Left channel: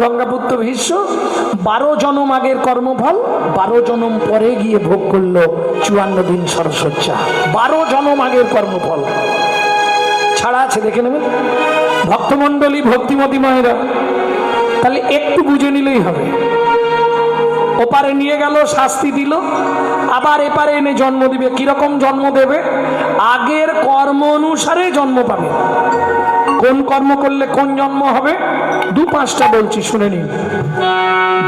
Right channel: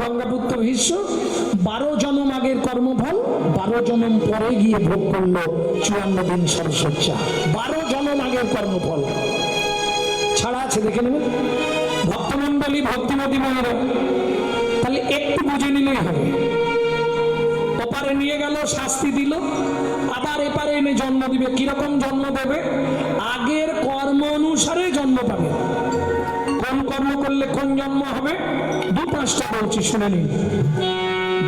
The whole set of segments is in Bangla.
গঙ্গাপুত্র ভীষ্ম 12 জনম আগের কর্মফল 12 জনম পরে গিয়ে ভোগ করলো 54 দিন সরসজ্জা। 12 জনম আগের কর্মফল ছাড়া আছে, দেখে নেবেন ভক্তমণ্ডলী, ভক্তিমতী মায়েরা। তাহলে একটু বুঝে নিলেই হবে। ওপারে নিয়ে গেল, শাস্তি দিল, আবার এপারে এনে জন্ম দিবে। কিরকম জন্ম দেবে? আগের কর্ম অনুসারে জন্ম পাবে। কোন কর্ম করলে কোন জন্ম হবে? 2-5টা বলছি, শুনে নিন।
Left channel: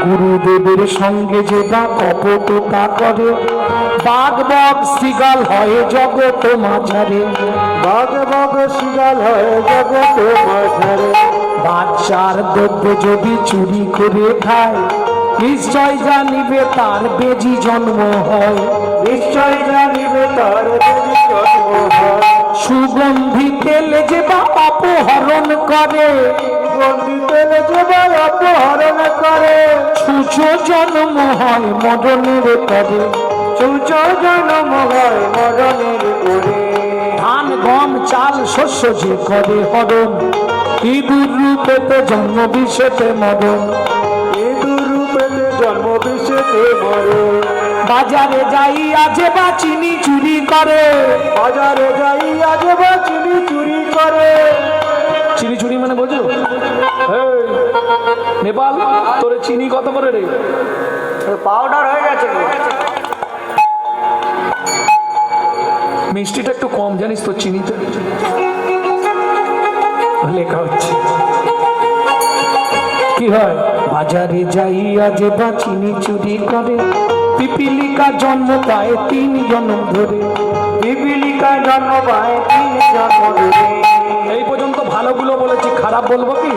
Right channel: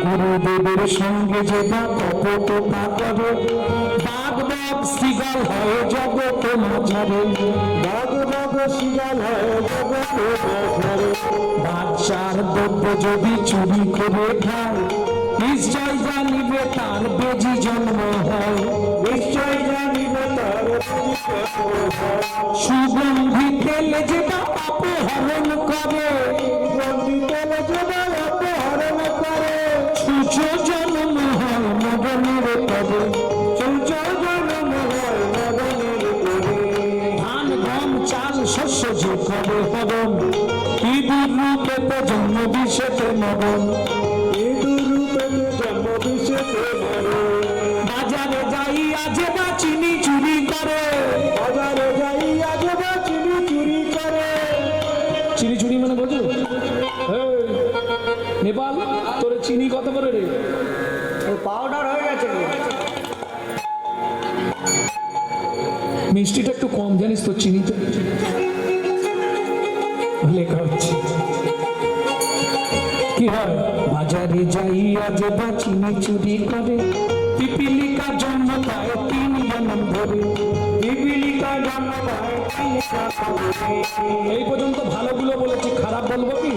গুরুদেবের সঙ্গে যে বা কপটতা করে, বাঘ বাঘ শৃগাল হয় জগত মাঝারে। বাঘ বাঘ শৃগাল হয় জগত মাঝারে। বাচ্চার দ্রব্য যদি চুরি করে খায়, নিশ্চয় জানিবে তার বেজি জন্ম হয়। নিশ্চয় জানিবে তার বেজি জন্ম হয়। সুগন্ধি তেলে যে বা অপহরণ করে, সুগন্ধি তেলে যে বা অপহরণ করে। ছুঁচো জন্ম হয় মরণের পরে। ছুঁচো জন্ম হয় মরণের পরে। ধান গম চাল শস্য যে করে হরণ, ইঁদুর রূপেতে জন্ম বিষেতে মরণ। ইঁদুর রূপেতে জন্ম বিষেতে মরে। বাজারে যাইয়া যে বা চিনি চুরি করে, বাজারে যাইয়া যে বা চিনি চুরি করে। চিনি চুরি মানে বোঝো? এই, নেপাল তোরে চিনি কত করে রে? পাউডার হয়ে গেছে। মিষ্টিটা একটু কম জানিস তো চিনিতে লেখা হচ্ছে। কি হয়? বাজারে যাইয়া যে বা চিনি চুরি করে, পিপিলিকা জন্ম পায় 3 জন্ম ধরে। পিপিলিকা জন্ম পায় 3 জন্ম ধরে। এই পর্যন্ত ভালোগুলো বলেছি, খারাপ বলবো কি?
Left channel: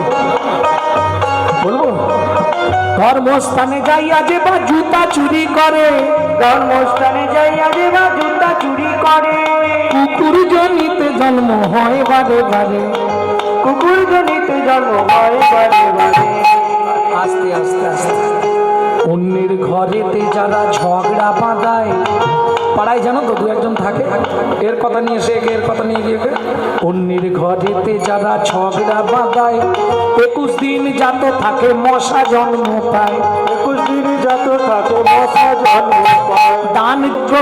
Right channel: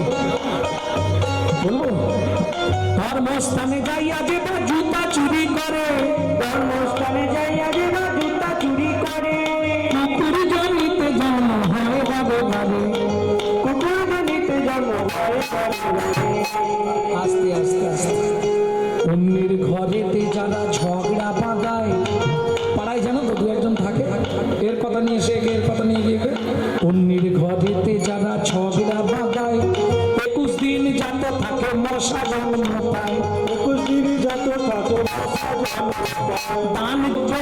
বলবো? ধর্মস্থানে যাইয়া যে বা জুতা চুরি করে, ধর্মস্থানে যাইয়া যে বা জুতা চুরি করে। কুকুর জনিতে জন্ম হয় বারে বারে। কুকুর জনিতে জন্ম হয় বারে বারে। আস্তে আস্তে আস্তে অন্যের ঘরেতে যারা ঝগড়া বাঁধায়, পাড়ায় জানো তো 2-1জন থাকে, এর কথা নিয়ে এসে এর কথা নিয়ে গিয়ে অন্যের ঘরেতে যারা ঝগড়া বাঁধায়, 21 দিন যাত থাকে মশা জন্ম পায়। 21 দিন যত থাকে মশা জন্ম পায়। দান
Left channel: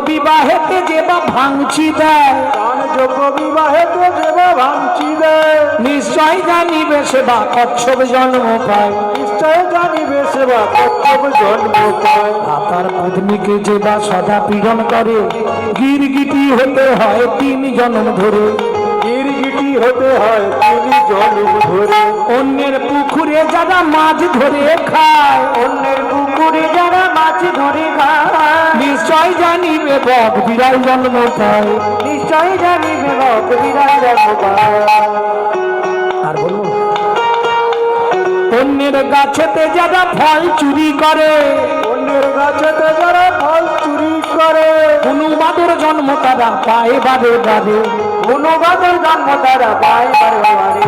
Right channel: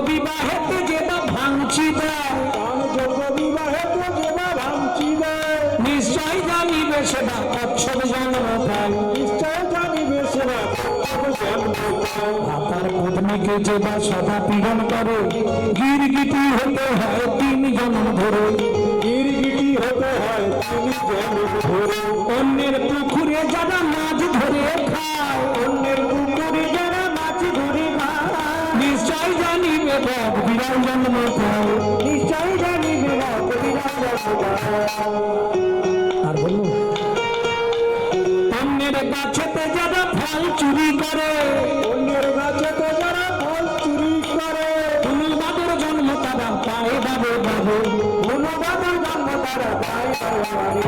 বিবাহেতে যে বা ভাঙচি দেয়, দান যোগ্য বিবাহেতে যে বা ভাঙচি দেয়। নিশ্চয় জানিবে সেবা কচ্ছপ জন্ম পায়। নিশ্চয় জানিবে সেবা কচ্ছপ জন্ম পায়। তার পত্নীকে যে বা সদা পীড়ন করে, গিরগিটি হতে হয় 3 জন্ম ধরে। গিরগিটি হতে হয় 3 জন্ম ধরে। অন্যের পুকুরে যারা মাছ ধরে খায়, অন্যের পুকুরে যারা মাছ ধরে খায়। নিশ্চয় জানিবে বক বিড়াল জন্ম পায়। নিশ্চয় জানিবে বক বিড়াল জন্ম পায়। আর বলবো? অন্যের গাছেতে যারা ফল চুরি করে, অন্যের গাছেতে যারা ফল চুরি করে। অনুবাদের জন্ম তারা পায় বারে বারে। অনুবাদের জন্ম তারা পায় বারে বারে।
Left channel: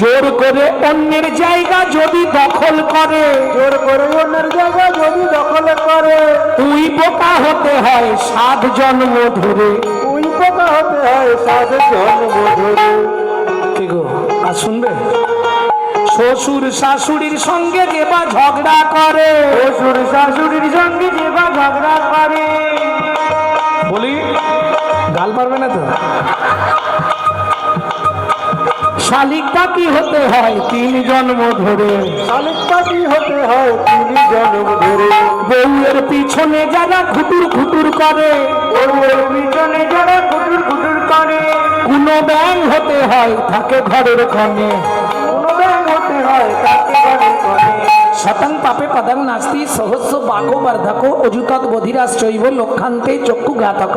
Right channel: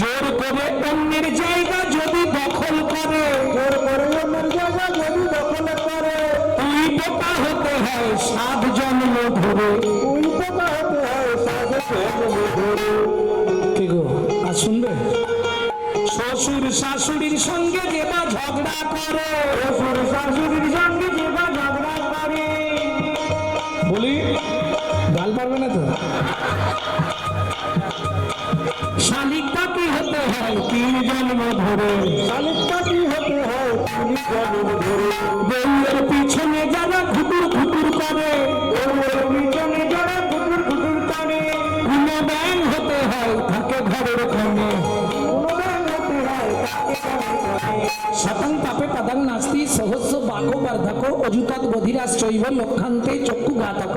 জোর করে অন্যের জায়গা যদি দখল করে, জোর করে অন্যের জায়গা যদি দখল করে। উই পোকা হতে হয় 7 জন্ম ধরে। উই পোকা হতে হয় 7 জন্ম ধরে। কি গো, আর শুনবে? শ্বশুর শাশুড়ির সঙ্গে যে বা ঝগড়া করে, শ্বশুর শাশুড়ির সঙ্গে যে বা ঝগড়া করে। বলি গাল পারবে না তো? শালিক পাখি হতে হয় 3 জন্ম ধরে। শালিক পাখি হতে হয় 3 জন্ম ধরে। বউয়ের পিছনে যারা খুটুর খুটুর করে, বউয়ের পিছনে যারা খুটুর খুটুর করে। কোনো ব্যাং হতে হয় থাকে ঘরের কোণে। কোনো ব্যাং হতে হয় তাকে ঘরের কোণে। শতং পাপে পদং নাস্তি সহস্র বাঘো বর্ধকো অযুতৎ বধিরাশ্চৈব লক্ষান্তে চক্ষু ঘাতক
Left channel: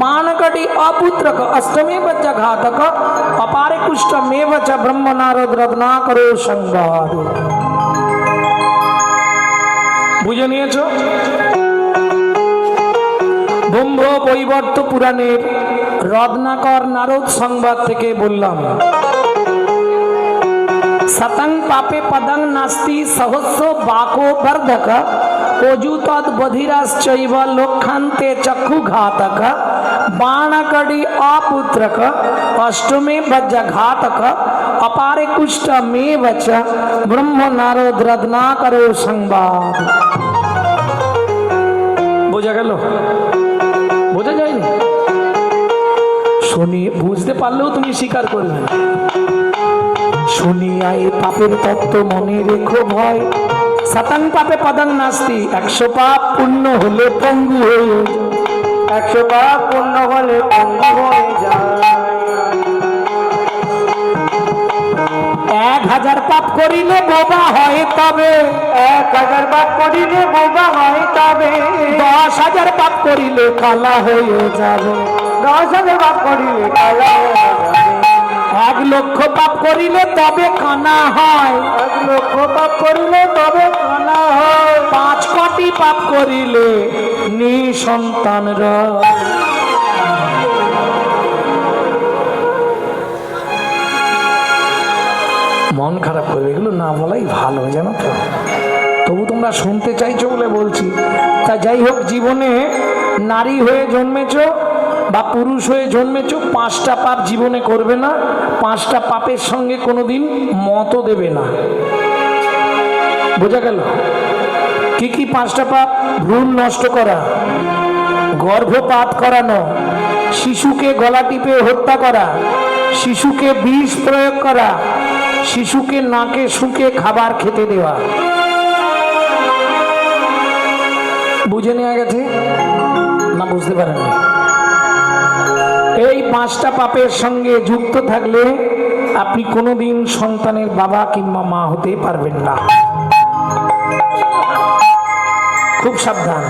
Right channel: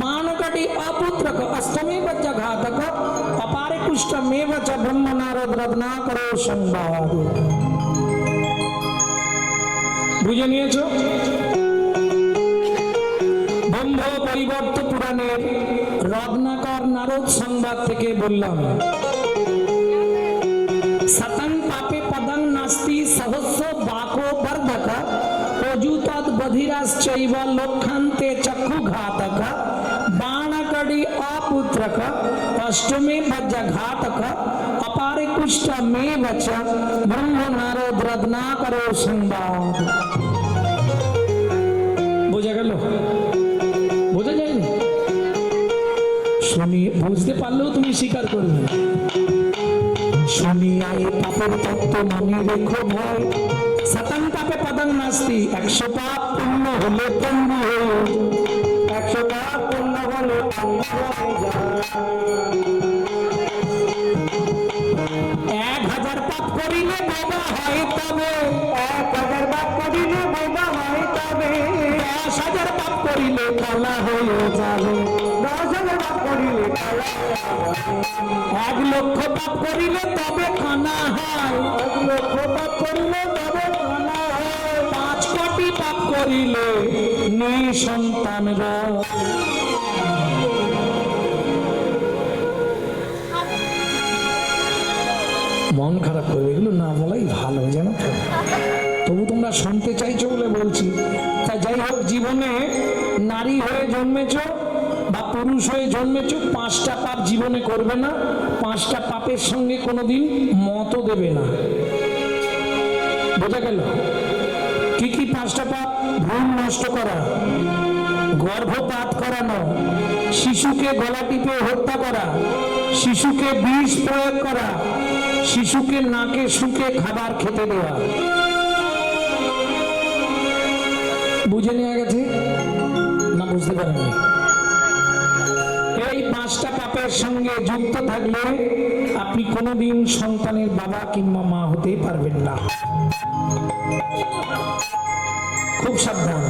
বাণকটি অপুত্রক অষ্টমে বজ্জ ঘাতক অপারে কুষ্ঠমেব চ ব্রহ্ম নারদ রত্নাকরো সংবাদ। বুঝে নিয়েছ? ব্রহ্ম বৈবর্ত পুরাণের রত্নাকর নারদ সংবাদ থেকে বললাম। শতং পাপে পদং নাস্তি সহস্র বাকো বর্ধক অযুতৎ বধিরাশ্চৈব লক্ষান্তে চক্ষু ঘাতক बाणकड़ी अपुत्रक अष्टमे बज्र घातक अपार 21টা মেয়ে বাচ্চা ব্রহ্ম নারদ রত্না করো সংবাদ। বোঝা গেল? বোঝা যায়নি? শুনি বুঝতে পারলেও তুমি স্বীকার করবে না। শুনিয়া এই পাপের তত্ত্ব মনে রেখো ভয়, শতং পাপে পদং নাস্তি, 100 পাপ পুণ্য হলে পঙ্গু হয়ে যায়। 100 পাপ পূর্ণ হলে পঙ্গু হয়ে যায়। 1000 পাপ করিলে বোবা হয় তবে, 1000 পাপ করিলে বোবা হয় তবে, 10,000 পাপ করিলে কালা হয়ে যাবে। 10,000 পাপ করিলে কালা হয়ে যাবে। 1 লক্ষ পাপ করিলে তবে কানা হয়, 1 লক্ষ পাপ করিলে তবে কানা হয়। 5 কোটি পাপ করিলে নিঃসন্তান রয়। মন খারাপ করবে, এগুলো না বলাই ভালো, জানো তো। তবু তোমরা শুনতে চাইছো বলে বলছি। তা যাই হোক, জীবনে নারী হয়ে জন্মেছ বা পুরুষ হয়ে জন্মেছ, 5টা পাপ জীবনে করবে না। 5টা পাপের সঙ্গে কোনোদিন মতও দেবে না। বোঝা গেল? কি কি 5টা পাপ? ভ্রূণ নষ্ট করা, গর্ভপাত করানো, শিশুকে গলা টিপে হত্যা করা, শিশুকে বিষ প্রয়োগ করা, শিশুকে নাকে শুকে খাবার খেতে দেওয়া। বুঝে নেওয়া গেছে না? বুঝতে পারেননি? এই 5টা পাপের সঙ্গে যুক্ত থাকলে আপনি কোনোদিন সন্তানের বাবা কিংবা মা হতে পারবেন না। খুব সাবধান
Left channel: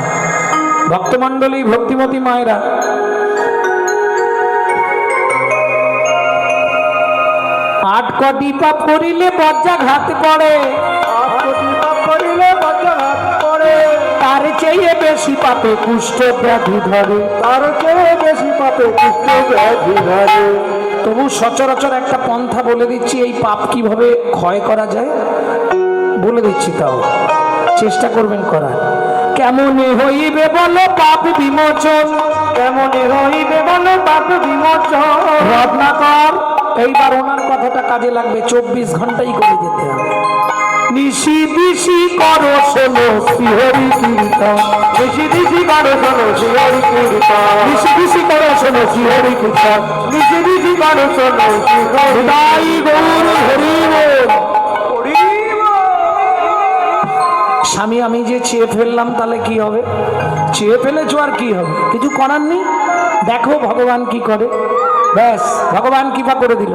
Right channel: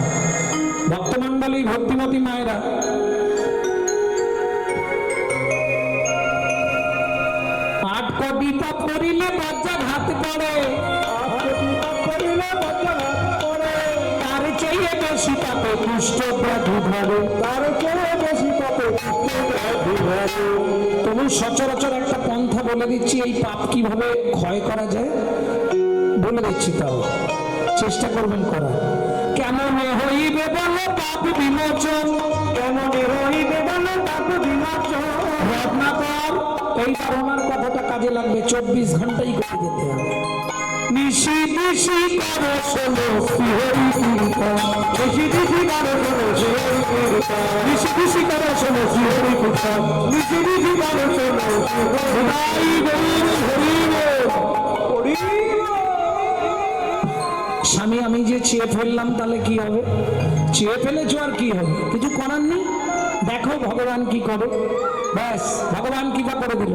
ভক্তমণ্ডলী, ভক্তিমতী মায়েরা। আট কোটি পাপ করিলে বজ্রাঘাত পড়ে, 8 কোটি পাপ করিলে বজ্রাঘাত পড়ে। তার চেয়ে বেশি পাপে কুষ্ঠ ব্যাধি ধরে। তার চেয়ে বেশি পাপে কুষ্ঠ ব্যাধি ধরে। তবু সচরাচর একটা পন্থা বলে দিচ্ছি, এই পাপ কিভাবে ক্ষয় করা যায় বলে দিচ্ছি, তাও চেষ্টা করবেন করার। কেমনে হইবে বলো পাপ বিমোচন, কেমনে হইবে বলো পাপ বিমোচন। রত্নাকর এইবার ওনার কথাটা কাজে লাগবে, 24 ঘন্টাই করে যেতে হবে। নিশি দিশি করো শোনো শ্রীহরি কীর্তন, নিশি দিশি করো শোনো শ্রীহরি কীর্তন, নিশি দিশি করো শোনো শ্রীহরি কীর্তন, নিশি দিশি করো শোনো শ্রীহরি তাই গৌর হরি বল। স্বামী আমি যে চেয়ে ফেললাম তাহলে কি হবে? চেয়ে ফেলেছো আর কি হবে? কিছু করার নেই। দেখো ভগবান কি করে। ব্যাস, ভগবান কৃপা করে দিল।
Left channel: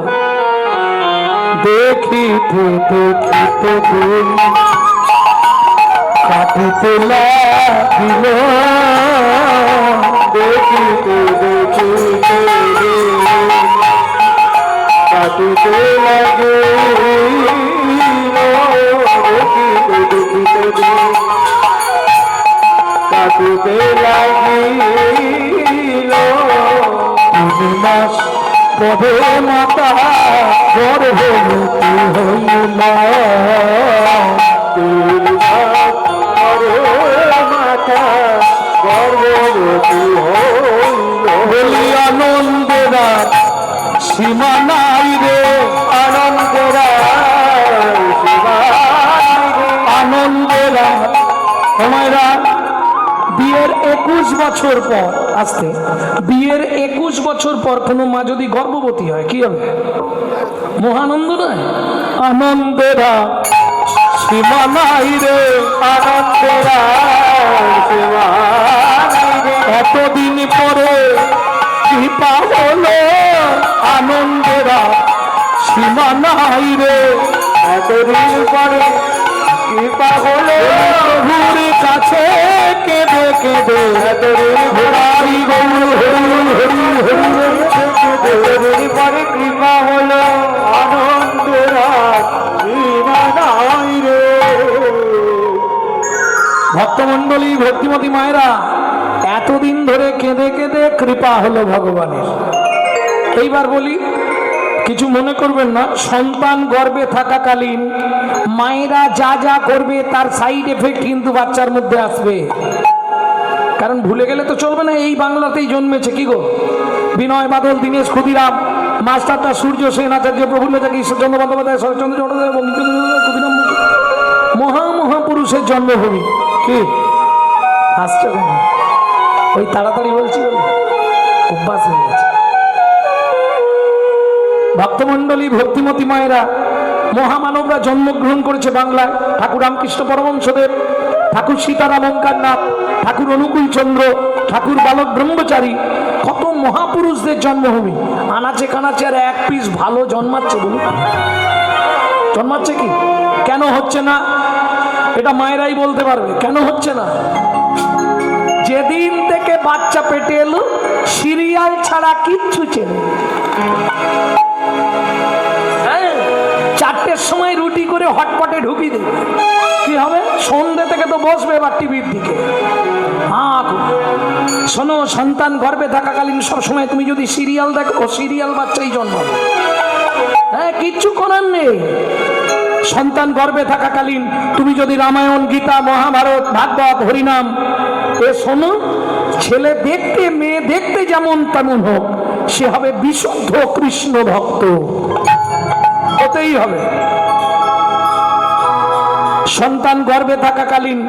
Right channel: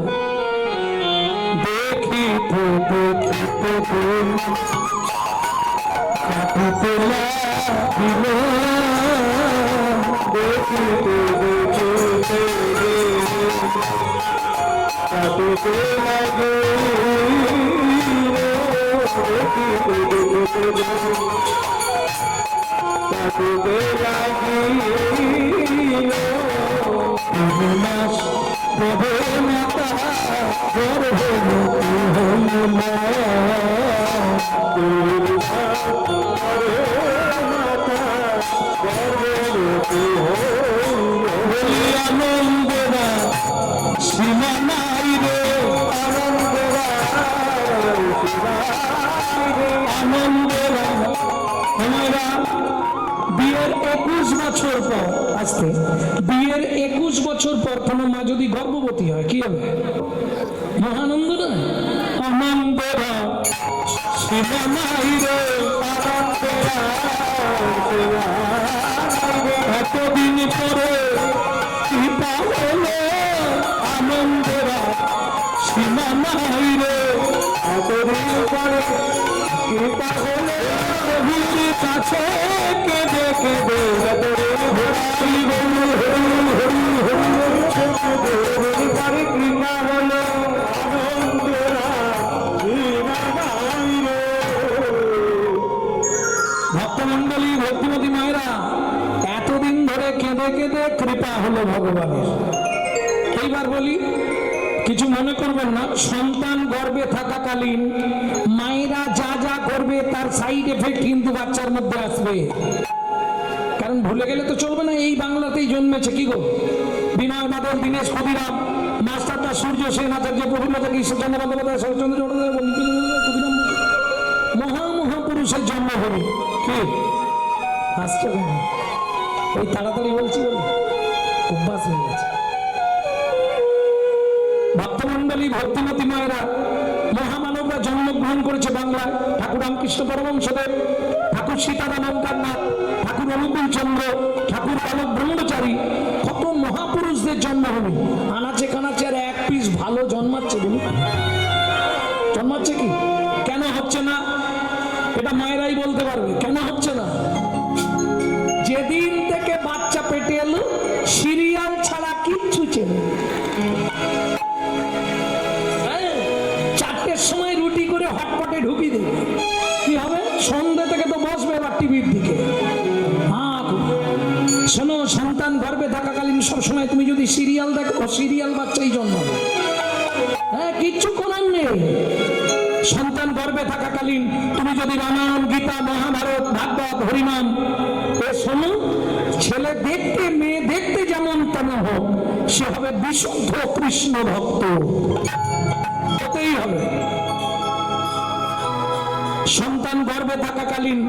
দেখিতে দেখিতে দিন কাটিতে লাগিল, দেখিতে দেখিতে দিন কাটিতে লাগিল, দেখিতে দেখিতে দিন কাটিতে লাগিল। 3 মাস পরে মাতা গর্ভবতী হইল, 3 মাস পরে মাতা গর্ভবতী হইল। বলি আনন্দেরা সীমা নাই রে, আনন্দেরা সীমা নাই রে। আনন্দেরা। তোমারা বিয়ের 21 বছর পর, আসতে বিয়ের 21 বছর পর কোনো মা যদি গর্ভবতী হয় কি হবে? মহানন্দ নয়? আনন্দেরা সীমা নাই রে, আনন্দেরা সীমা নাই রে। এতদিন পরে কৃপা হলো, আনন্দেরা সীমা নাই রে। এতদিন পরে কৃপা হলো, প্রভুর কাছে কেঁদে কেঁদে এতদিন হরি গৌর হরি হরি হরি হরি। এতদিন পরে কৃপা হলো, আনন্দেরা সীমা নাই রে। ভক্তমণ্ডলী, ভক্তিমতী মায়েরা, এতদিন ধরে কেঁদে কেঁদে কৃপা হলো ভগবানের। এইবার বলি, কিছু মনে করবেন না, সন্তান গর্ভে থাকাকালীন মায়েরা যা যা করবে তার সাইড এফেক্ট কিন্তু বাচ্চার মধ্যে আসবে। কারণ ভুলে গেলে তো চলবে না, এই বাংলাতেই জন্মেছে কি গো, বিনয় বাদল, দীনেশ ক্ষুদিরাম, মাস্টারদা, সূর্য সেন, আচার্য প্রফুল্ল চাকি, ঈশ্বরচন্দ্র বন্দ্যোপাধ্যায়, শরৎচন্দ্র চট্টোপাধ্যায়, বঙ্কিমচন্দ্র চট্টোপাধ্যায়, ক্ষুদিরাম বসু, মহামহাপুরুষের জন্মভূমি। কি হাসছো কেন? ওই তাড়াতাড়ি বলছি বলে অভ্যাস হয়ে গেছে। ভক্তমণ্ডলী, ভক্তিমতী মায়েরা, মহামানবরা জন্মগ্রহণ করেছে বাংলায়। ঠাকুর রামকৃষ্ণ পরমহংসদেব, ঠাকুর সীতারাম ওঙ্কারনাথ, ঠাকুর অনুকূল চন্দ্র, ঠাকুর বালক ব্রহ্মচারী, কত মহাপুরুষদের জন্মভূমি। আনাচে কানাচে আর এক পিস ভালো জন্মাচ্ছে বলুন? জন্মাচ্ছে কি? কেন হচ্ছে না? এটা মায়েরাই বলতে পারবে কেন হচ্ছে না। যেদিন থেকে বাচ্চা পেটে এলো সিরিয়াল ছাড়া কিচ্ছু চেনে। চারটের সময় রুটি করে হটপটে ঢুকি দেবে, কি হবে? সন্ধ্যে থেকে তো বসবে এবার টিভির দিকে। শোনো, সন্তান গর্ভে থাকাকালীন সবসময় তুমি যদি সিরিয়াল দেখো, সিরিয়াল বাচ্চাই জন্মাবে। হ্যাঁ, কিচ্ছু করার নেই। সন্তান গর্ভে থাকাকালীন তুমি যদি রামায়ণ, গীতা, মহাভারত, ভাগবত, হরিনাম এ শোনো, ছেলে দেখতে মেয়ে দেখতে যেমন তেমন হোক, সে হবে বিশুদ্ধ কৃষ্ণ ভক্ত, হতেই হবে। সন্তান গর্ভে থাকাকালীন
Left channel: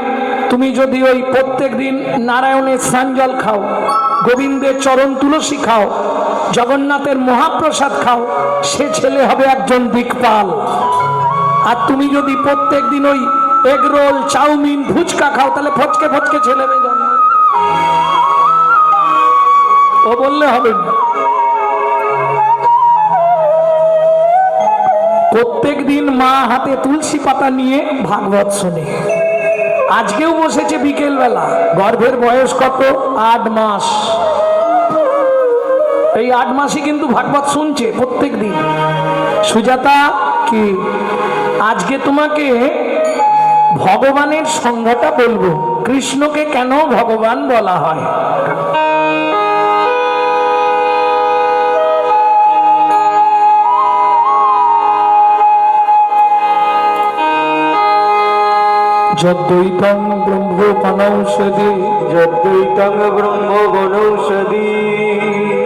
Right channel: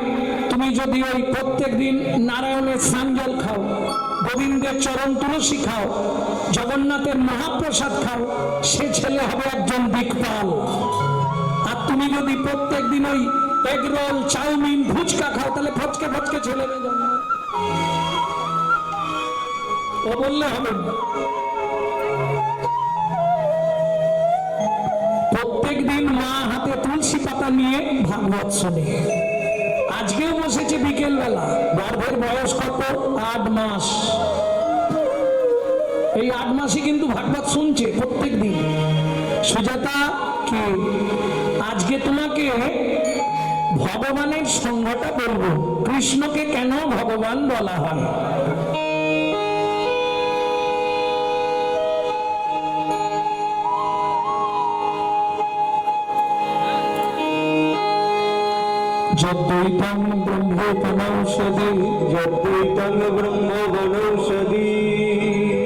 তুমি যদি ওই প্রত্যেক দিন নারায়ণের স্নানজল খাও, গোবিন্দের চরণ তুলসী খাও, জগন্নাথের মহাপ্রসাদ খাও, সে ছেলে হবে একজন দিকপাল। আর তুমি যদি প্রত্যেক দিন ওই এগ রোল, চাউমিন, ফুচকা খাও, তাহলে ফচকে ফচকে ছেলে মেয়ে জন্ম। ও বললে হবে না। প্রত্যেক দিন মা হাতে তুলসী পাতা নিয়ে ভাগবত শুনে। আজকেও বসেছে বিকেল বেলা। গর্ভের বয়স কত? 8 মাস। এই 8 মাসই কিন্তু ভাগবত শুনছে প্রত্যেক দিন। সুজাতা, কি আজকে তোমাকে ভগবানের সংজ্ঞাটা বলবো, কৃষ্ণকে কেন ভগবান বলা হয়। যদ্বৈতং ব্রহ্ম বনৌষধি, যদ্বৈতং ব্রহ্ম বনৌষধি,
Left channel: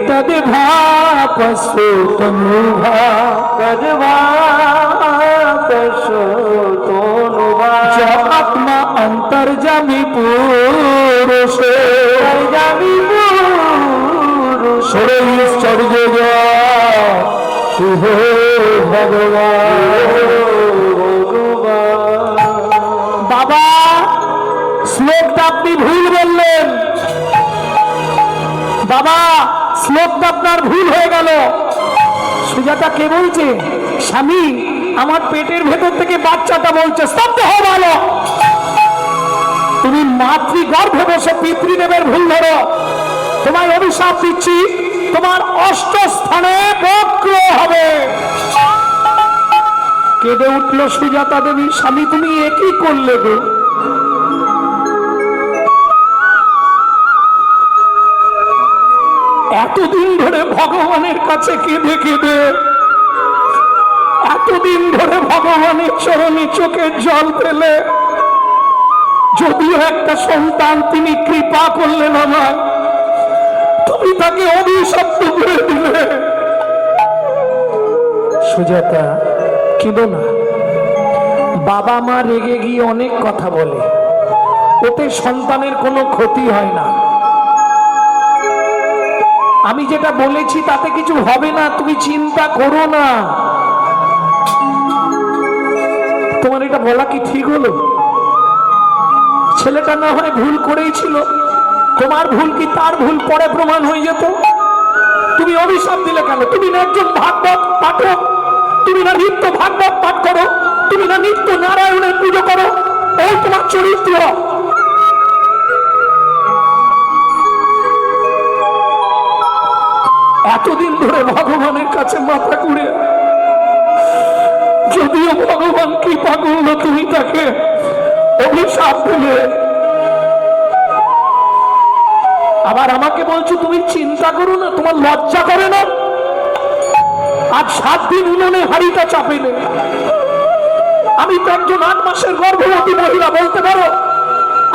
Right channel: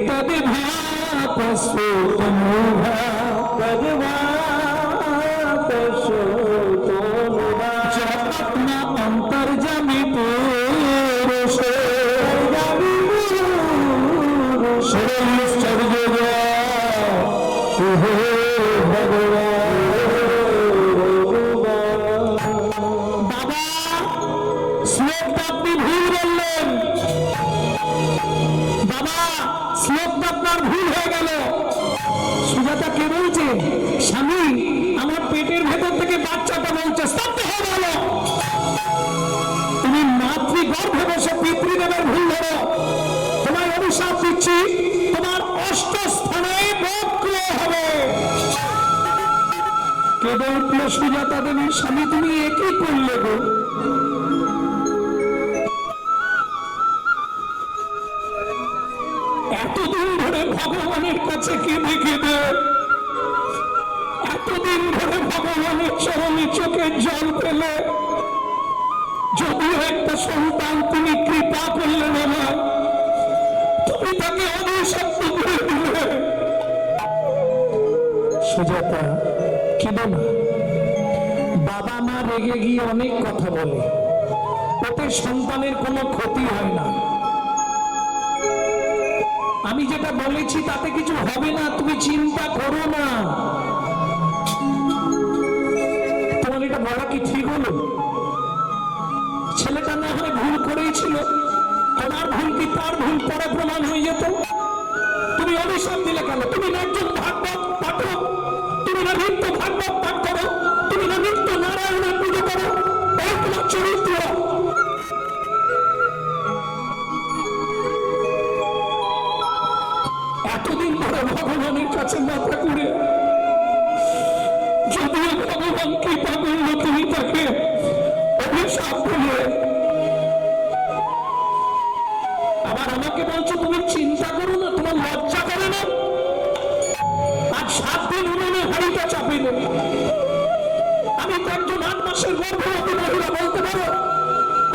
তদ্ভাপস্যো তনুভা, তদ্ভাপস্যো তনুভা, আত্মা অন্তর্যামী পুরুষে, অন্তর্যামী পুরুষে, ঐশ্বর্য হে ভগবান। বাবা, শ্লোকটা আপনি ভুল বললেন। বাবা, শ্লোকটা আপনার ভুল হয়ে গেল। সুজাতা কে বলছে? স্বামী, আমার পেটের ভেতর থেকে বাচ্চাটা বলছে। স্তব্ধ হও ভালো। তুমি মাতৃগর্ভে বসে পিতৃদেবের ভুল ধরো। তোমায় অভিশাপ দিচ্ছি, তোমার 8 স্থানে বক্র হবে। কেঁদে উঠল সুজাতা দেবী। স্বামী, তুমি একই করলে গো। এতদিন ধরে ভগবানের কাছে কেঁদে কেঁদে, এতদিন ধরে ভগবানের চরণে চোখের জল ফেলে, যদিও একটা সন্তান তিনি কৃপা করলেন আমায়, তুমি তাকে অভিশপ্ত করে দিলে। সুজাতা, কেঁদো না। বাবা মা রেগে গিয়ে অনেক কথা বলে, ওতে সন্তানের কোনো ক্ষতি হয় না। আমি যেটা বলেছি তাতে কিছু হবে না, তুমি চিন্তা করো না। তোমার এটা বলা কি ঠিক হলো? ছেলেটা না হয় ভুল করেই ছিল, তোমার ভুল কি তার ভুল পরে প্রমাণ হয়ে যেত? তুমি অভিশাপ দিলে কেন? তুমি না একজন ভাগবত পাঠক, তুমি না নিত্য ভাগবত পাঠ করো, তুমি না নিত্য নারায়ণের পুজো করো, এই তোমার চরিত্র। এতদিন ধরে ভগবানের কাছে মাথা কুড়ে, যদিও ভগবান কৃপা করলো, তুমি তাকে অভিশাপ দিলে। আবার আমাকে বলছো তুমি চিন্তা করো না, তোমার লজ্জা করে না? আজ 7 দিন উনুনে হাড়িটা চাপিলে। আমি তো একজন 8 মাসের গর্ভবতী মহিলা, বলতে পারো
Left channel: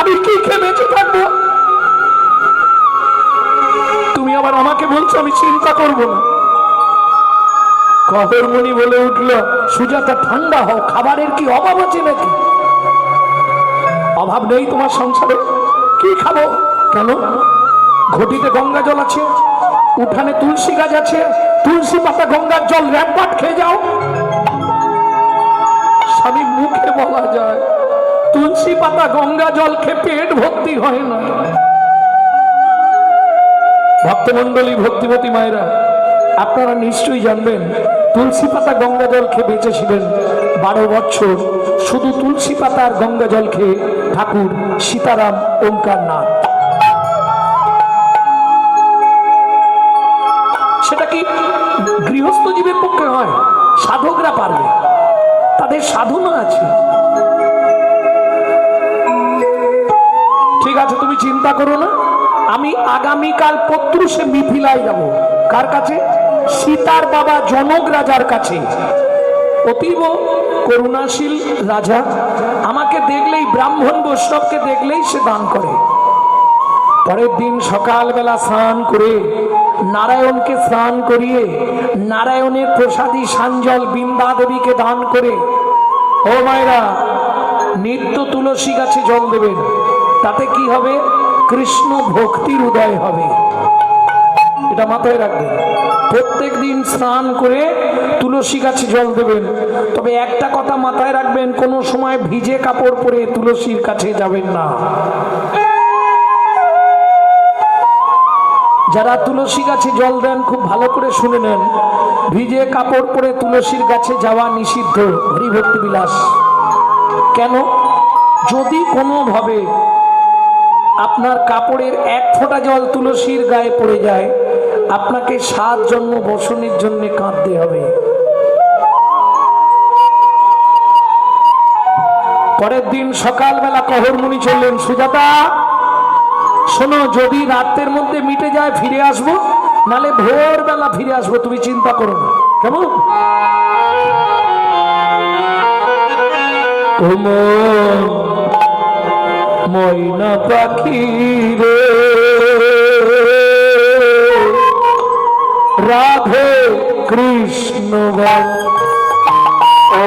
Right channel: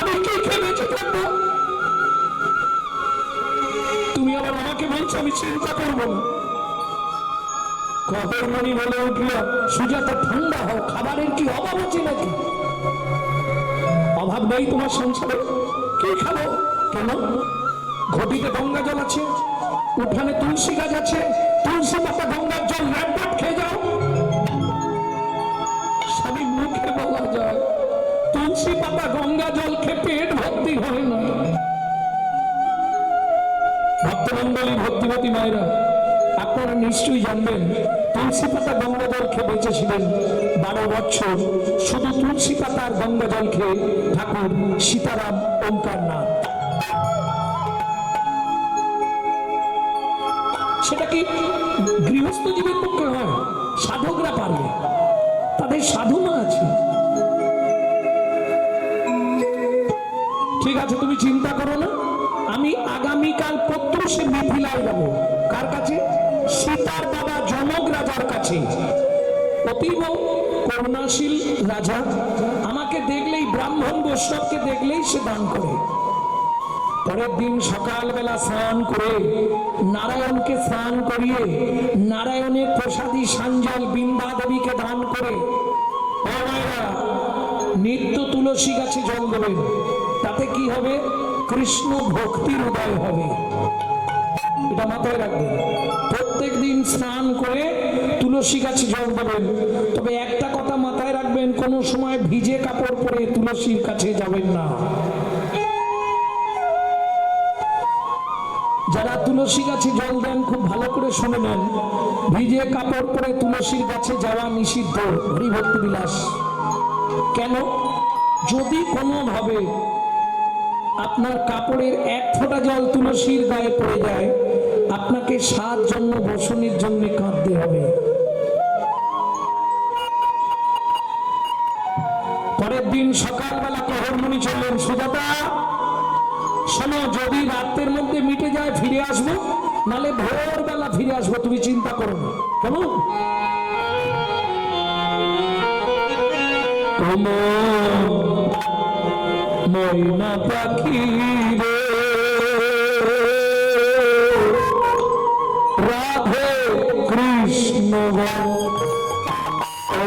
আমি কি খেয়ে বেঁচে থাকবো? তুমি আবার আমাকে বলছো আমি চিন্তা করবো না। কহরমণি বলে উঠল, সুজাতা ঠান্ডা হও, খাবারের কি অভাব আছে নাকি? অভাব নেই তোমার সংসারে, কি খাবো? কেন? ঘটিতে গঙ্গা জল আছে, উঠানে তুলসী গাছ আছে, তুলসী পাতা গঙ্গার জল র্যাপবাট খেয়ে যাও। স্বামী মুখে বলা যায়, তুলসী পাতা গঙ্গা জল খেয়ে পেট ভর্তি হয় না। ভক্তমন্ডলী, ভক্তিমতী মায়েরা, আপনারা নিশ্চয়ই জানবেন তুলসী পাতা গঙ্গা জল খেয়ে বেঁচেছিলেন 12 বছর। শুধু তুলসী পাতা আর গঙ্গা জল খেয়ে ঠাকুর সীতারাম ওঙ্কার নাথ। সেটা কি গৃহস্থ জীবের পক্ষে হয়? সাধকরা পারবে, তাদের সাধনা আছে। ঠিক আছে, তুমি চিন্তা করো না, আমি আগামীকাল পত্রুষে মিথিলায় যাব। কার কাছে? সীতার বাবা জনক রাজার কাছে। অতীব করুণাশীল রাজা, আমাকে দেখলেই, ব্রাহ্মণ বৈষ্ণবকে দেখলেই সে দান করে। পরের দিন সকালবেলা স্নান করে নারায়ণকে স্নান করিয়ে নারায়ণের প্রসাদী সাঞ্জল বৃন্দা দেবীকে দান করে, ও মায়েরা, নিত্য তুলসী গাছে জল দেবেন। তাতে কি হবে? কৃষ্ণ ভক্তির উদয় হবে। এটা মাথায় রাখবেন। প্রত্যেক দিন স্নান করে তুলসী গাছে জল দেবেন। তবে একটা কথা মাথায় রাখবেন, কোনো সময় ভিজে কাপড় পরে তুলসীর কাছে যাবেন না। যারা তুলসী গাছে জল দেন খুব ভালো করে শুনে নেন, ভিজে কাপড় পরে তুলসীর গাছে যাওয়া নিষিদ্ধ। হরিভক্তি বিলাস। কেন? যদি কোনোভাবে আপনার কাপড়ের 1 ফোঁটা জল তুলসীর গায়ে পড়ে যায়, আপনাকে 7 জন্ম বসনের জন্য কাঁদতে হবে। পরের দিন সকালবেলা কহরমণি চললেন, সুজাতা শোনো, যদি রাতের মধ্যে মিটে যায় ফিরে আসবো, নালে ভোরবেলা ফিরে আসবো, তুমি চিন্তা করো না। কেমন? ময়না পাখি রে, রাধে কৃষ্ণ বল। ও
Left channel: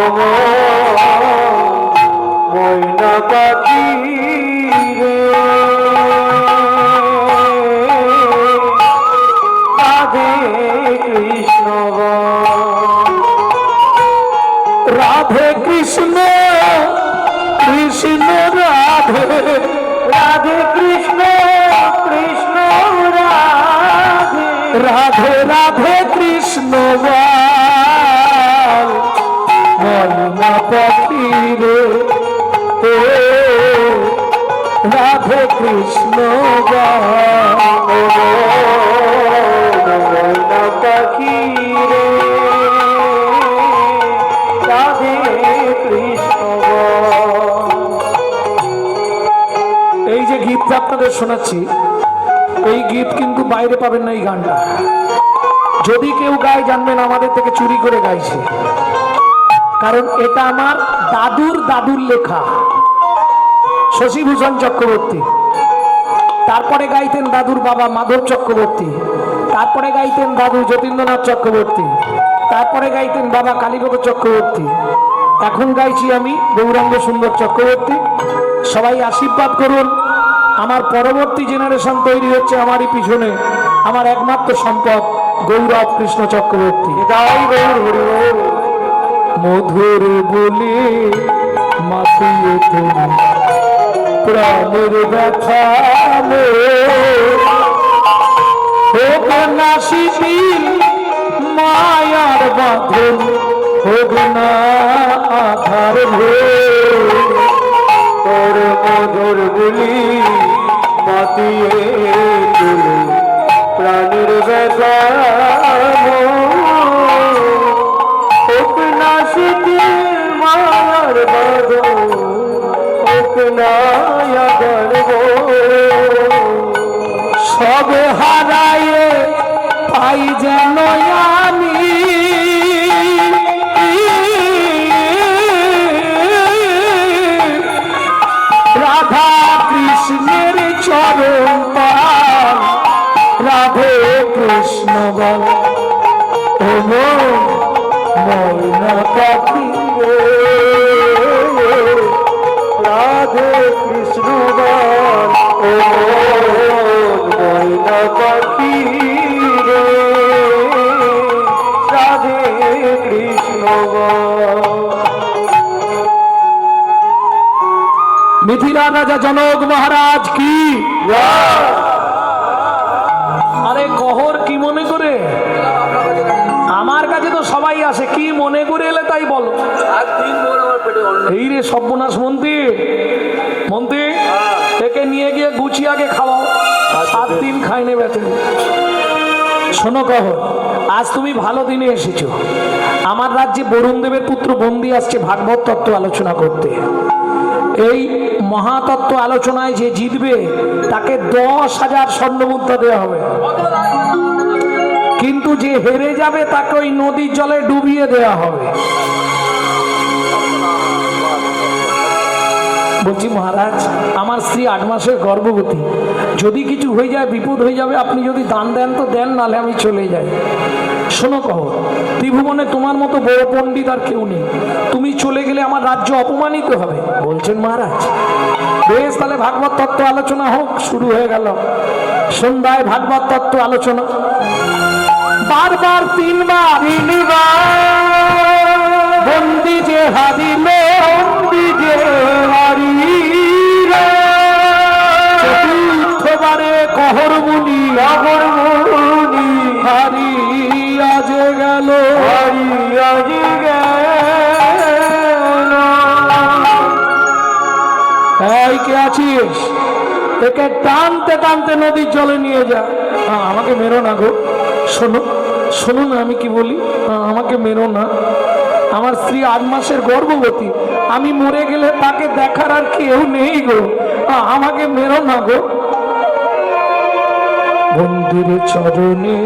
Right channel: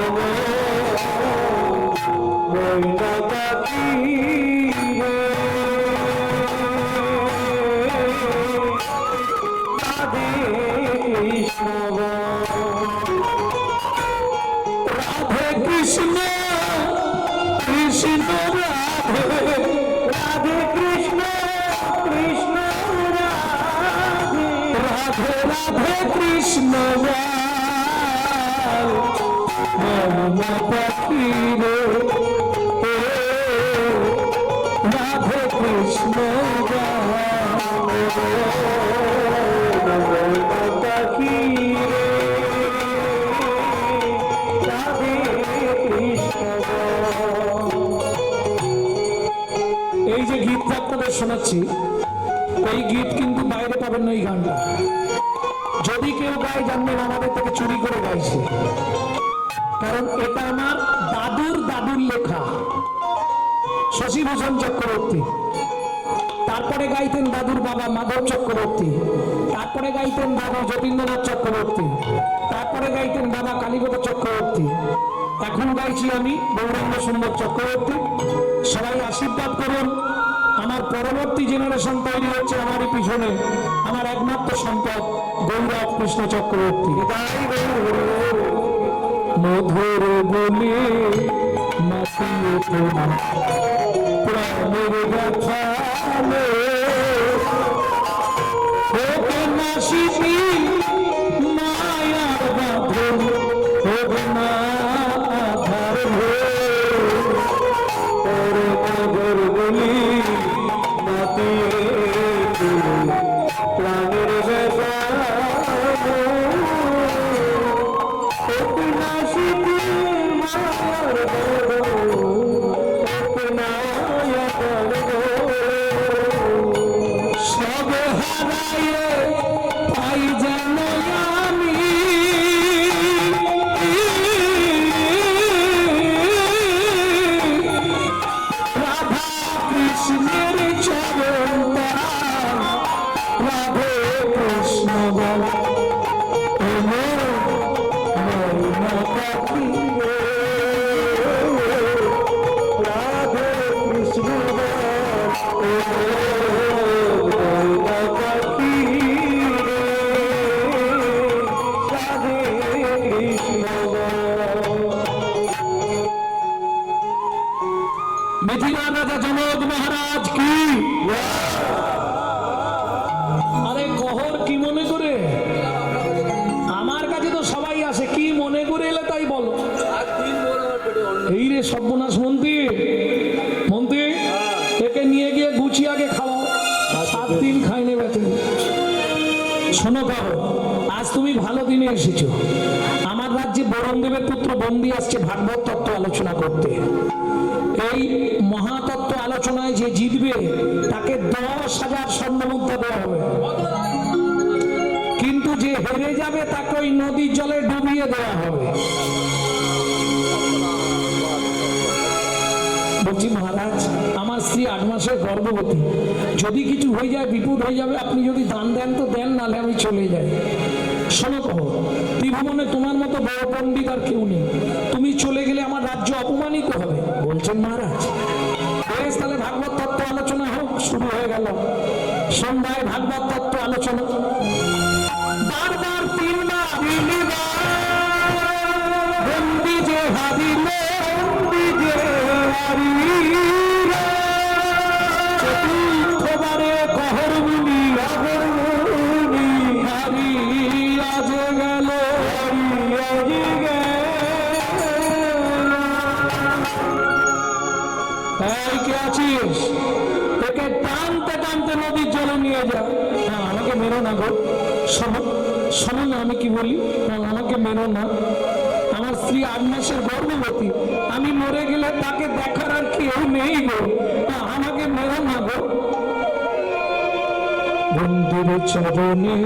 ময়না পাখি রে, রাধে কৃষ্ণ রাধে কৃষ্ণ কৃষ্ণ রাধে, রাধে কৃষ্ণ কৃষ্ণ রাধে, রাধে রাধে কৃষ্ণ বল। ময়না পাখি রে, রাধে কৃষ্ণ বল। ময়না পাখি রে, রাধে কৃষ্ণ। এই যে গীতটা আপনাদের শোনাচ্ছি, এই গীত কিন্তু বাইরে পাবেন না। এই গানটা যদি কেউ গায়, জানবেন আমাদের থেকে চুরি করে গাইছে। কারণ এটা আমার দাদুর দাদুর লেখা, শশীভূষণ চক্রবর্তী। তারপরে গাইতেন দাদুর বাবা মাধব চক্রবর্তী, তারপরে গাইতেন দাদু যতীন্দ্রনাথ চক্রবর্তী, তারপরে গাইতেন বাবা কালীপদ চক্রবর্তী। এখন গাইছি আমি গৌরাঙ্গ সুন্দর চক্রবর্তী। সবাই আশীর্বাদ করুন, আমার পরবর্তী জেনারেশন তৈরি হচ্ছে আমারই পিছনে। আমার একমাত্র সম্পদ গৌরব কৃষ্ণ চক্রবর্তী। তাই গৌর হরি বল। মধুর বলে মাতিয়ে তুমি প্রাণের ব্যথা হোক না শিথিল মায়ার বাঁধন, হোক না আধার তোর মধুর বলি মাতিয়ে তুলে প্রাণীর ব্যথা, হোক না শিথিল মায়ার বাঁধন, হোক না গর্ব। সব হারায়ে পাই যেন আমি মিথিলা রাজা জনক মহারাজ কি। আরে কহর কি মনে করে? আমার কাছে তো সবাই আসে, কি মনে করে এলে তাই বলো। এই রে সর্বনাশ মন্ত্রী, মন্ত্রী একে নিয়ে গিয়ে গুছিয়ে আগে খাওয়াও, 7 দিন খাইনে বেঁচে। শোনো কহর, আজ তুমি ভালো দিনে এসেছো। আমার রাজ্যে বরুণ দেবের পুত্র বন্দি আসছে ভাগবত তত্ত্ব আলোচনা করতে। এই মহাতত্ত্ব আলোচনায় যে জিতবে তাকে 10,000 স্বর্ণমুদ্রা দেওয়া হবে, কিন্তু যে হেরে যাবে তাকে ওই নদীর জলে ডুবিয়ে দেওয়া হবে। বলছি মহারাজ, আমার স্ত্রী 8 মাসের গর্ভবতী, যদি কিছু হয়ে যায় বিপদ হয়ে যাবে, আপনি যদি দান দেন তো দেন, নাহলে আমি চলে যাই। শোনো কহর, ত্রিভুবনে তোমার মতো বড় পণ্ডিত আর কেউ নেই, তুমি চলে গেলে আমার রাজ্য অপমানিত হবে। বলছেন মহারাজ, বেশ তাহলে ভাগবত তত্ত্ব আলোচনা হোক। শুরু হয়ে গেল সন্ধ্যায় ভাগবত তত্ত্ব আলোচনা। বারবার 3 বার বন্দি যে হারিল, বন্দি যে হারিল, চতুর্থবারে কহর মুনি, কহর মুনি হারিয়া যে গেল, হারিয়া যে গেল। এই কে আছিস? একে টানতে টানতে নদীর জলে নিয়ে যা। আমাকে মেরো না গো, শোনো শোনো না আমি কি বলি, আমাকে মেরো না। আমার স্ত্রী 8 মাসের গর্ভবতী, আমি মরে গেলে তাকে দেখার আর কেউ নেই গো, আমাকে মেরো না গো। বন্দির চরণে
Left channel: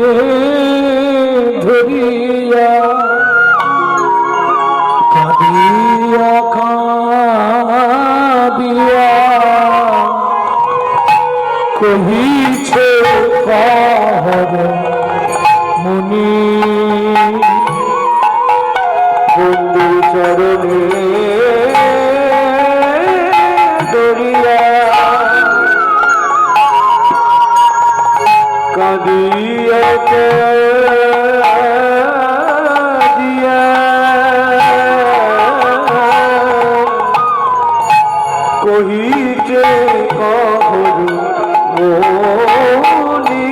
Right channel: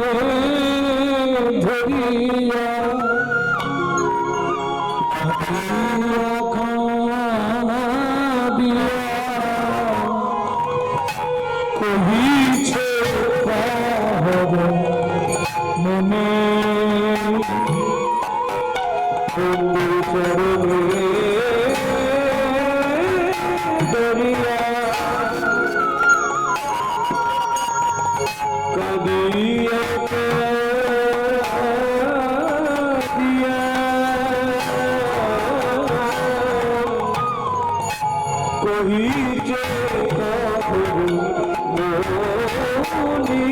ধরিয়া কাঁদিয়া কাঁদিয়া কহিছে কহর মুনি, বন্ধু চরণে ধরিয়া কাঁদিয়া কাঁদিয়া কহিছে কহর মুনি,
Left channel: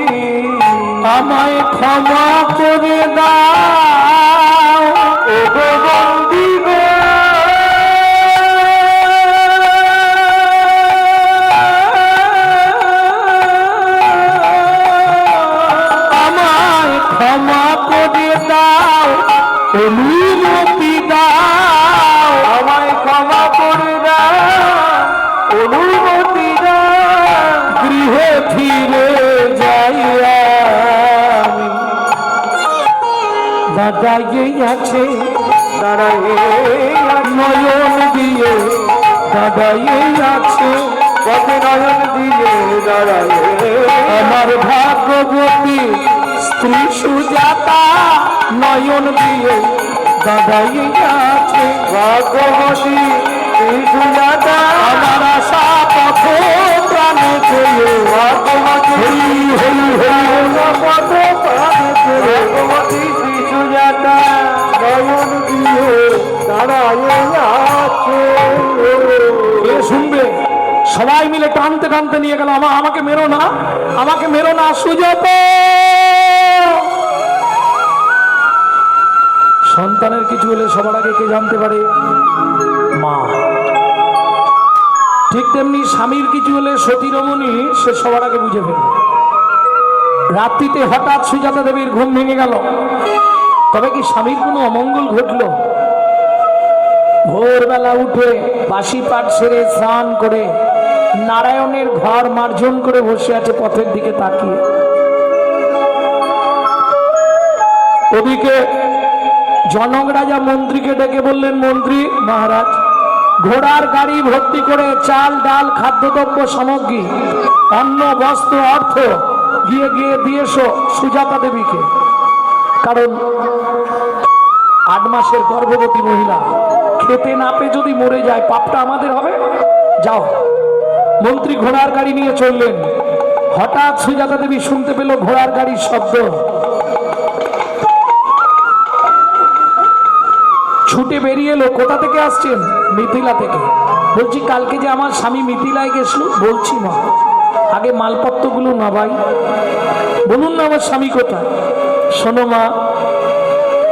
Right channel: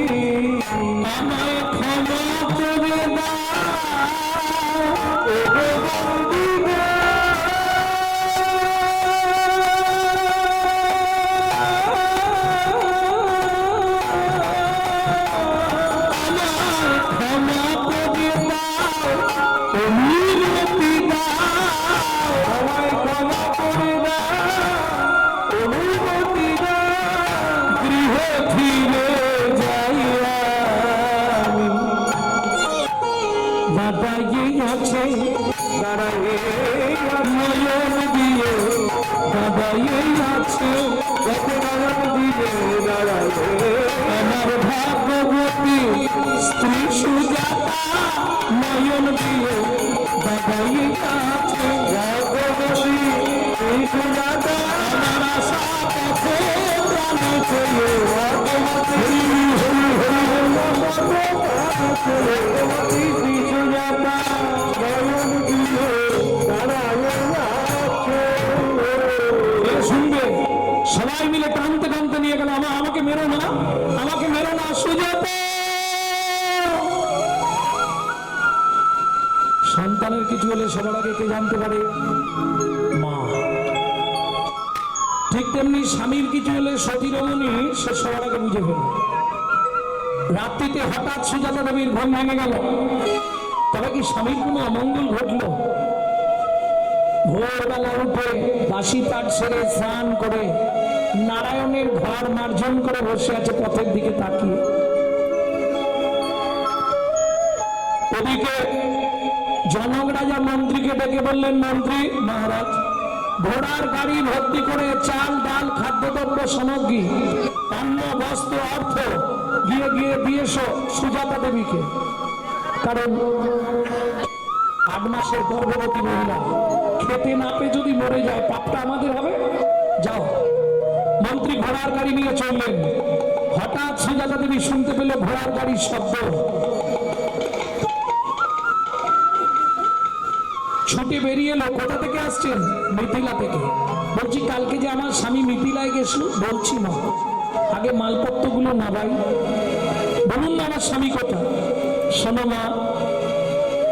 আমায় ক্ষমা করে দাও ও গো বন্দি গো, আমায় ক্ষমা করে দাও, অনুমতি দাও, আমায় ক্ষমা করে দাও, অনুমতি দাও, গৃহে ফিরে যাই আমি। দাঁড়াইয়ে আছে, দাঁড়াইয়ে নয়ন দিয়ে, দাঁড়াইয়ে আছে পথে নয়ন দিয়ে, দাঁড়াইয়ে আমার ভাগবতী স্ত্রী সুজাতা, নয়ন দিয়ে দাঁড়াইয়ে আছে ভাগবতী স্ত্রী সুজাতা, আমার আশা পথ প্রাণে চেয়ে, ভাগবতী হরি হরি হরি পথ প্রাণে চেয়ে, ভাগবতী স্ত্রী সুজাতা নয়ন দিয়ে দাঁড়াইয়ে আছে। কে শুনবে? সবাই মিলে টানতে টানতে নিয়ে গেল। আমাকে মেরো না, আমাকে মেরো না সুজাতা। সন্তানের কিছু হলে সবার আগে কে জানতে পারে? মা। ঠিক তেমনি স্বামীর কিছু হলে সতী রমণী সে সবার আগে বুঝে ফেলবে। রাত্রিতে হঠাৎ সুজাতা দেবীর ঘুম ভেঙে গেল, তবে কি স্বামীর কোনো অমঙ্গল ঘটল? ভোরবেলা উঠে বাসি পাঠ সেরে স্নান করে নারায়ণের ঘর মার্জন করে বসে আছে পথের দিকে তাকিয়ে। ওদিকে জনক রাজা মন্ত্রীকে ডেকে বললেন, মন্ত্রী মহারাজ, ঘোড়ার গাড়ি ভর্তি করে চাল ডাল খাদ্যদ্রব্য সামগ্রী অন্ন বস্ত্র অর্থ গিয়ে গিয়ে দিয়েছো সুজাতা দেবীকে, কারণ 8 মাসের গর্ভবতী মহিলা খেতে না পেয়ে যদি মরে যায় পাপটা আমাদের হবে। যাও। মন্ত্রী ঘোড়ার গাড়ি নিয়ে চললেন। হঠাৎ সুজাতা দেবী শুনতে পেল ঘোড়ার গাড়ির শব্দ। ছুটে বেরিয়ে এলো। কোথা থেকে আসছেন? মিথিলা থেকে। বলছি কালকে যে আমার স্বামী মিথিলায় গেছিল। বলছি মা আগে মালপত্রগুলো না ভাই, বলুন না আমার স্বামী কোথায়। শোনো মা,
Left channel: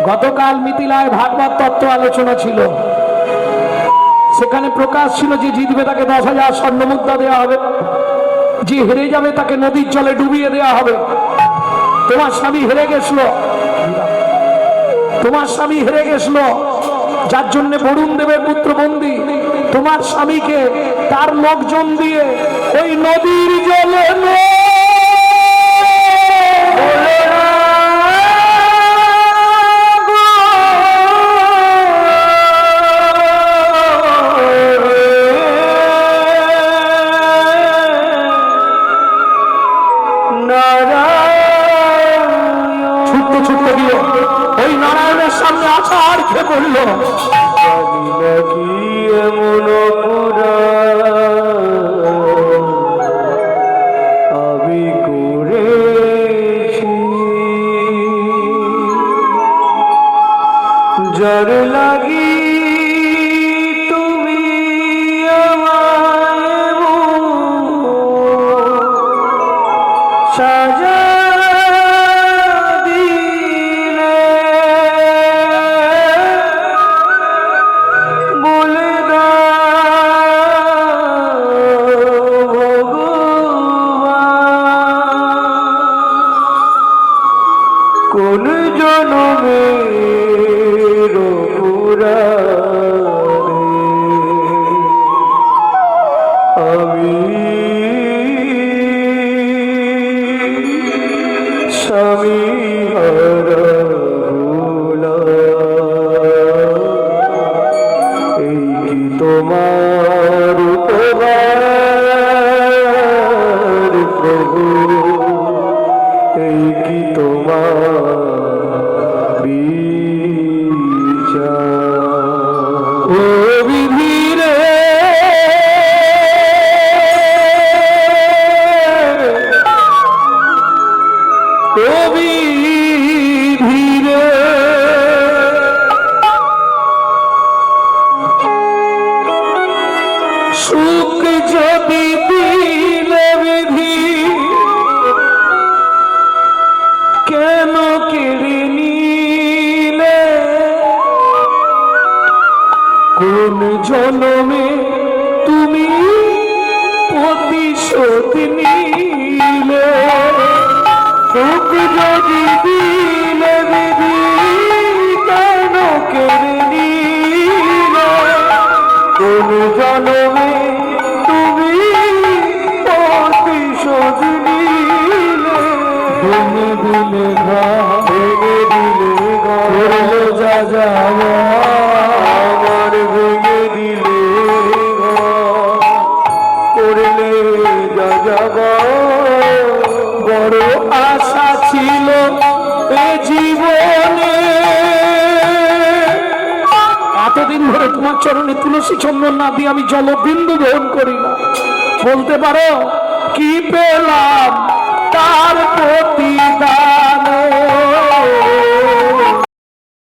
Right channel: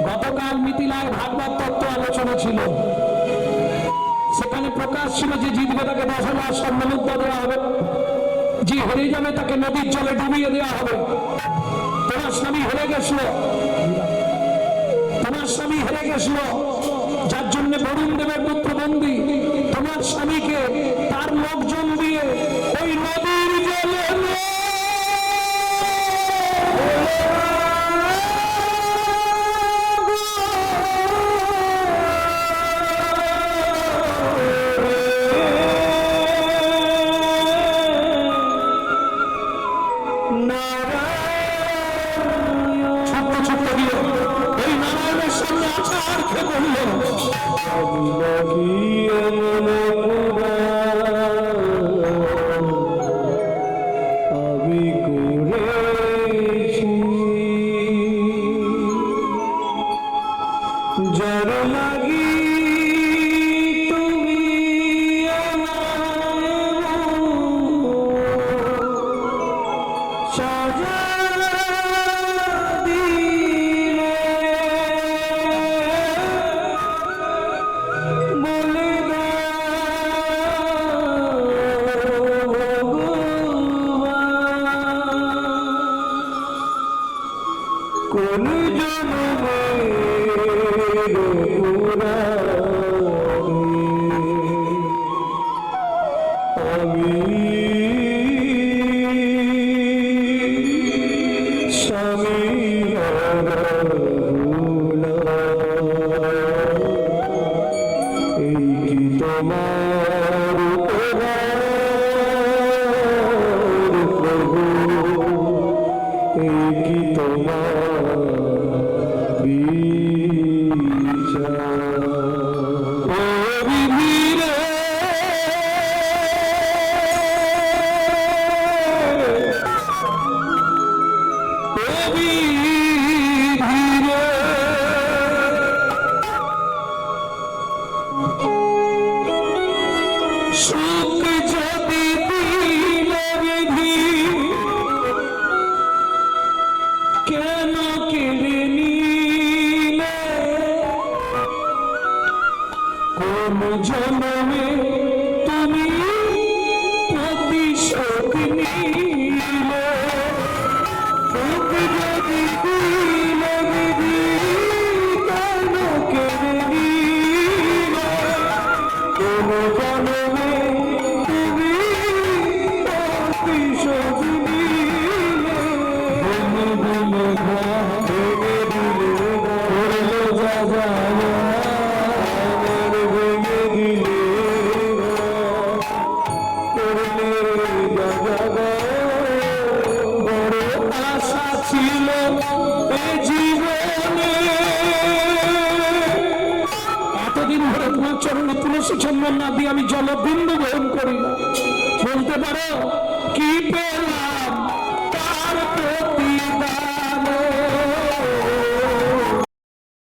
গতকাল মিথিলায় ভাগবত তত্ত্ব আলোচনা ছিল। সেখানে প্রকাশ ছিল যে জিতবে তাকে 10,000 স্বর্ণ মুদ্রা দেওয়া হবে, যে হেরে যাবে তাকে নদীর জলে ডুবিয়ে দেওয়া হবে। তোমার স্বামী হেরে গেছিল, তোমার স্বামী হেরে গেছিল, যার জন্য বরুণ দেবের পুত্র বন্দী। তোমার স্বামীকে তার লোকজন দিয়ে ওই নদীর জলে ছুটতে ছুটতে গিয়ে ওই নারায়ণের সামনে আছাড় খেয়ে পড়ল। আমি করেছি যার লাগি তুমি আমায় সাজা দিলে, বলে কোন জনমের পুরাণে আমি স্বামী হারা হলাম। এই কি তোমার উপকার প্রভু, এই কি তোমার বিচার। ও বিধি রে, ও বিধি রে, সুখ যদি দিলে বিধি কেন কেড়ে নিলে, কোন জনমে তুমি প্রতিশোধ নিলে। সুখ যদি দিলে বিধি কেন কেড়ে নিলে, কোন জনমে তুমি প্রতিশোধ নিলে। ভেঙে দিলে ঘর, ভেঙে দিলে করলে যা যাওয়া, আমার ভেঙে দিলে করলে যা যাবা। বড় আশা ছিল এ জীবনে, এতদিন ধরে তোমার চরণে তুলসী চন্দন না দিয়ে আমি জলবিন্দু গ্রহণ করি না। বলতে পারো কি পেলাম তার প্রতি